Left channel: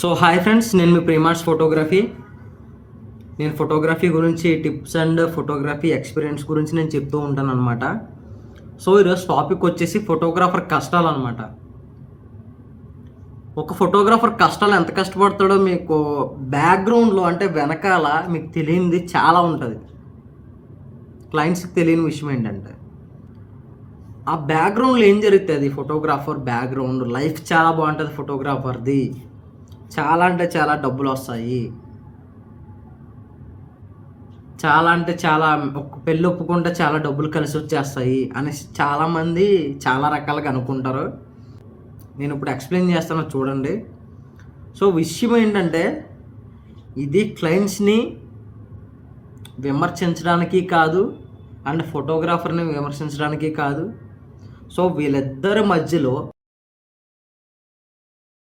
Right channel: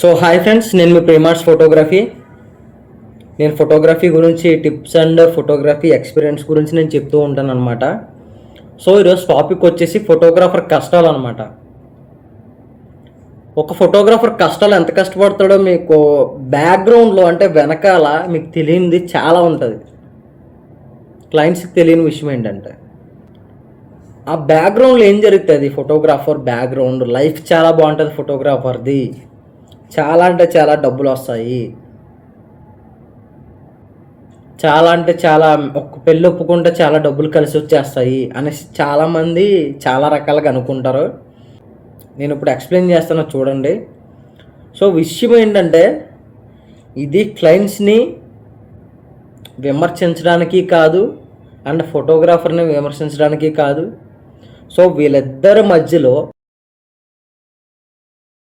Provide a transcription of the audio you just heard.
So hi friends, నేను మీ ప్రేమార్ట్స్ photography. నేను photography గురించి టిప్స్ అండ్ ఫోటోగ్రఫీ ఎక్స్పీరియన్స్ గురించి నేను చెప్తూ ఉంటాను అనమాట. సో ఈరోజు టాపిక్ వచ్చేసి ఫోటోగ్రాఫర్ కష్టాలు అనమాట. ఒక ఫోటోగ్రాఫర్ కష్టాలు ఎంత కష్టపడతాడో మీకు బ్యాక్గ్రౌండ్లో అంటే వెనకాల మీకు తెలియనిది చాలా ఉంటుంది. క్లయింట్స్కి తెలియని విషయం ఏంటంటే ఆ బ్యాక్గ్రౌండ్లో ఏం జరుగుతుంది. ఫోటోగ్రాఫర్ బ్యాక్గ్రౌండ్ లైఫ్ చాలా బాగుంటుంది. ఫోటోగ్రాఫర్ది చాలా అంటే చాలా డబ్బులు వస్తాయి. చాలా అంటే చాలా ఒక పెళ్ళి ఒప్పుకుంటే చాలా డబ్బులు కలిసి వచ్చేస్తాయి అనేసి చాలామంది చాలా రకాలుగా అనుకుంటారు. నేను ఇప్పుడు ఎక్స్ప్లెయిన్ చేస్తాను చూడండి. సో విషయం ఏంటంటే ఇది క్లయింట్స్ని విమర్శించడానికి కాదు అండ్ ఫోటోగ్రాఫర్ని విమర్శించడానికి కాదు. సో వీళ్ళిద్దరి మధ్యలో